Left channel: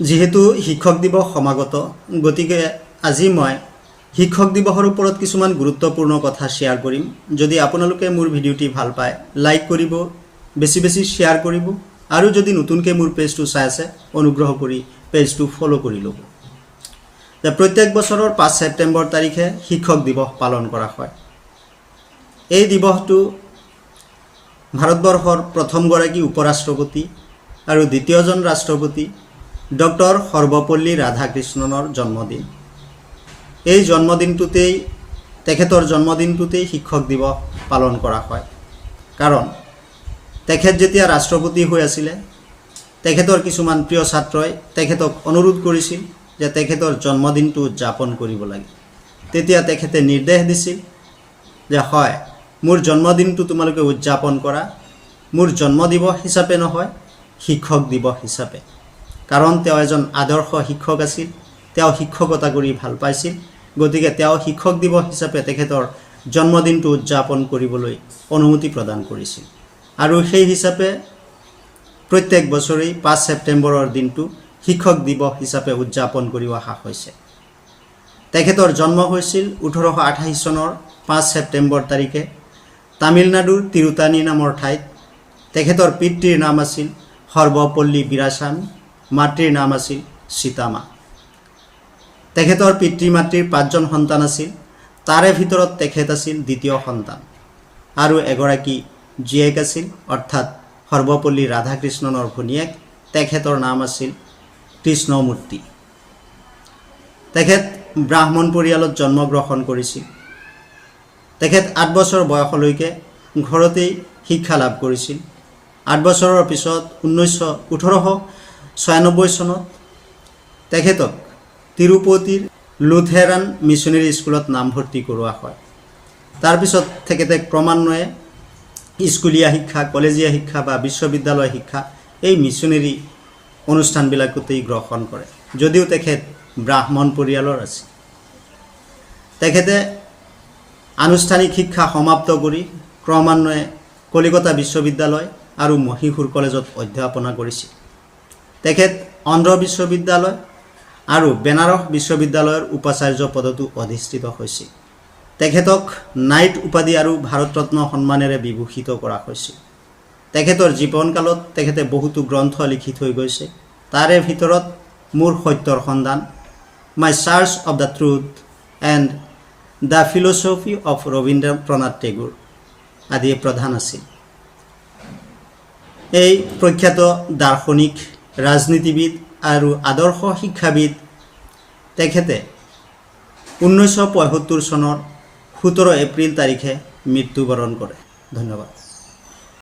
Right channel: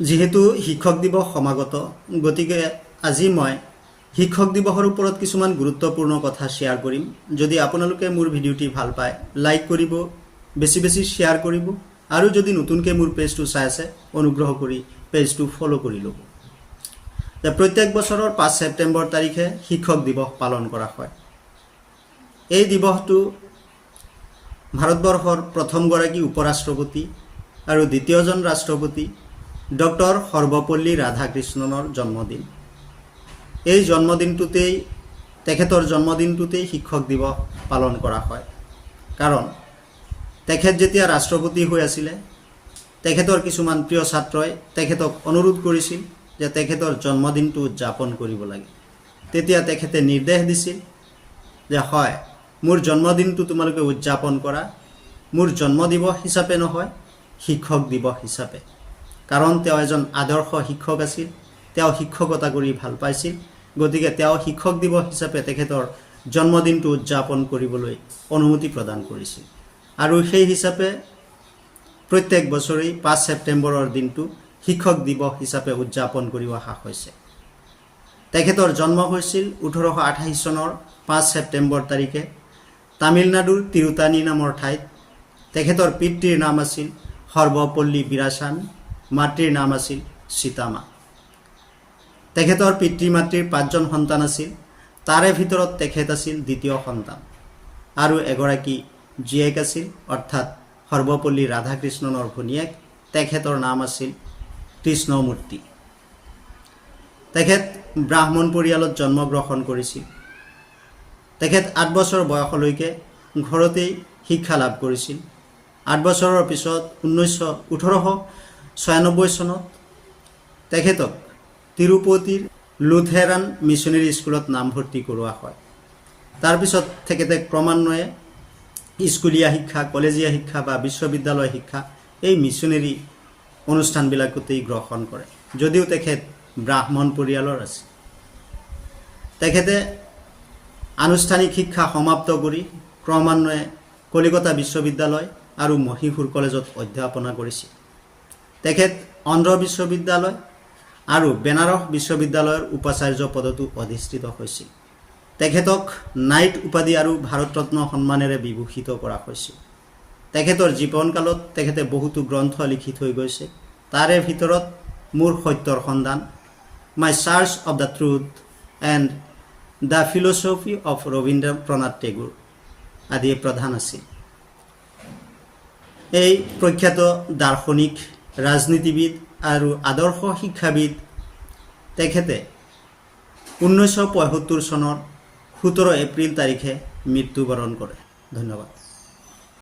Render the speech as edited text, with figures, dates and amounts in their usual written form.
যেহেতু শিক্ষক দিবস সমাগত গতিকে আজি মই শিক্ষক দিবসৰ ওপৰত কিছুমান গুৰুত্বপূৰ্ণ কথা শ্বেয়াৰ কৰিম। যদি আপোনালোকে মোৰ ভিডিঅ'টি ভাল পায় লাইক কৰিব, বেছি বেছি শ্বেয়াৰ কৰিব আৰু যদি নতুনকৈ মোৰ পেজটো চাই আছে অনুগ্ৰহ কৰি পেজটো ফলো কৰি ল'ব। প্ৰত্যেক বছৰৰ 5 ছেপ্টেম্বৰ তাৰিখে শিক্ষক দিৱস পালন কৰা হয়। এই দিৱসটো ভাৰতবৰ্ষৰ প্ৰথমগৰাকী উপৰাষ্ট্ৰপতি আৰু দ্বিতীয়জন ৰাষ্ট্ৰপতি ডক্টৰ সৰ্বপল্লী ৰাধাকৃষ্ণনৰ জন্মদিন। এই জন্মদিনটোতেই তেখেতৰ জন্মদিনটোতেই শিক্ষক দিৱস পালন কৰা হয়। কাৰণ তেখেত যেতিয়া ৰাষ্ট্ৰপতি হৈ আছিলে তেখেতৰ কিছুমান প্ৰিয় ছাত্ৰই তেখেতক অনুৰোধ কৰিছিল যে তেখেতৰ জন্মদিনটো উদযাপন কৰিব লাগে। তেতিয়া তেখেতে নিৰ্দেশ দিছিল যে হয়, মোৰ জন্মদিনটো তোমালোকে উদযাপন কৰা, মোৰ জন্মদিৱস হিচাপে নহয়, শিক্ষক দিৱস হিচাপে। কাৰণ তেওঁ এজন আদৰ্শ শিক্ষক আছিল, তেওঁ শিক্ষকতা কৰি ভাল পাইছিল। গতিকে তেওঁ শিক্ষক দিৱস হিচাপে তেখেতৰ জন্মদিনটো উদযাপন কৰিবলৈ অনুমতি প্ৰদান কৰিছিল। আৰু সেই হিচাপে প্ৰত্যেক বছৰেই 5 ছেপ্টেম্বৰৰ দিনটো শিক্ষক দিৱস হিচাপে উদযাপন কৰি অহা হৈছে। তেখেতৰ জন্ম হৈছিল 1828 চনৰ 5 ছেপ্টেম্বৰ তাৰিখে তামিলনাডুৰ তিৰুতানী নামৰ ঠাইত। তেখেতৰ পিতৃৰ নাম আছিল সৰ্বপল্লী বীৰাস্বামী, মাতৃৰ নাম আছিল সীতামা। তেখেতৰ পিতৃ মাতৃৰ 5জন সন্তান আছিল, তাৰে ভিতৰত তেখেত আছিল দ্বিতীয় সন্তান। আৰু এগৰাকী জীয়েক আছিল, অৰ্থাৎ সৰ্বপল্লী ৰাধাকৃষ্ণনৰ ভনীয়েক, তেখেতৰ নাম আছিল কৃষ্ণমূৰ্তি। তেখেত ব্ৰাহ্মণ পৰিয়ালত জন্মগ্ৰহণ কৰিছিল। তেখেত 8 বছৰ বয়সলৈকে ঘৰতেই শিক্ষা লাভ কৰিছিল। 8 বছৰৰ পিছত 1896 চনত তেখেতক তিৰুপতিৰ লুথেৰান মিছনেৰী স্কুলত নামভৰ্তি কৰোৱা হয়। তাৰপিছত তেখেতে ক্ৰমান্বয়ে স্কুলীয়া শিক্ষা, কলেজীয়া শিক্ষা বা বিশ্ববিদ্যালয় শিক্ষা এই মিছনেৰী অনুষ্ঠানবিলাকতেই গ্ৰহণ কৰে, যদিও তেখেত ব্ৰাহ্মণ পৰিয়ালৰ আছিল। তেখেতে আনুষ্ঠানিক শিক্ষা সমাপ্ত কৰি ক্ৰমান্বয়ে কলিকতা বিশ্ববিদ্যালয় আৰু মহীশূৰ কলেজত অধ্যাপনা কৰিছিল। তেখেত অন্ধ্ৰ বিশ্ববিদ্যালয় আৰু বেনাৰস বিশ্ববিদ্যালয়ৰ উপাচাৰ্য পদতো অধিষ্ঠিত হৈছিল। তেখেতক নাইট উপাধি আৰু ভাৰত ৰত্ন সন্মানেৰে বিভূষিত কৰা হৈছিল। তেখেতৰ জীৱনকালত তেখেতে বহুতো গ্ৰন্থ লিখি থৈ গৈছে। তাৰে ভিতৰত মোৰ সত্যৰ সন্ধান, my search of the truth and the philosophy of Rabindranath Tagore আদি প্ৰধান আছিল। এই প্ৰখ্যাত দাৰ্শনিক, ৰাজনীতিবিদ আৰু আদৰ্শ শিক্ষাবিদ তেখেতে 1975 চনৰ 17 এপ্ৰিল তাৰিখে মৃত্যুবৰণ কৰে। ধন্যবাদ।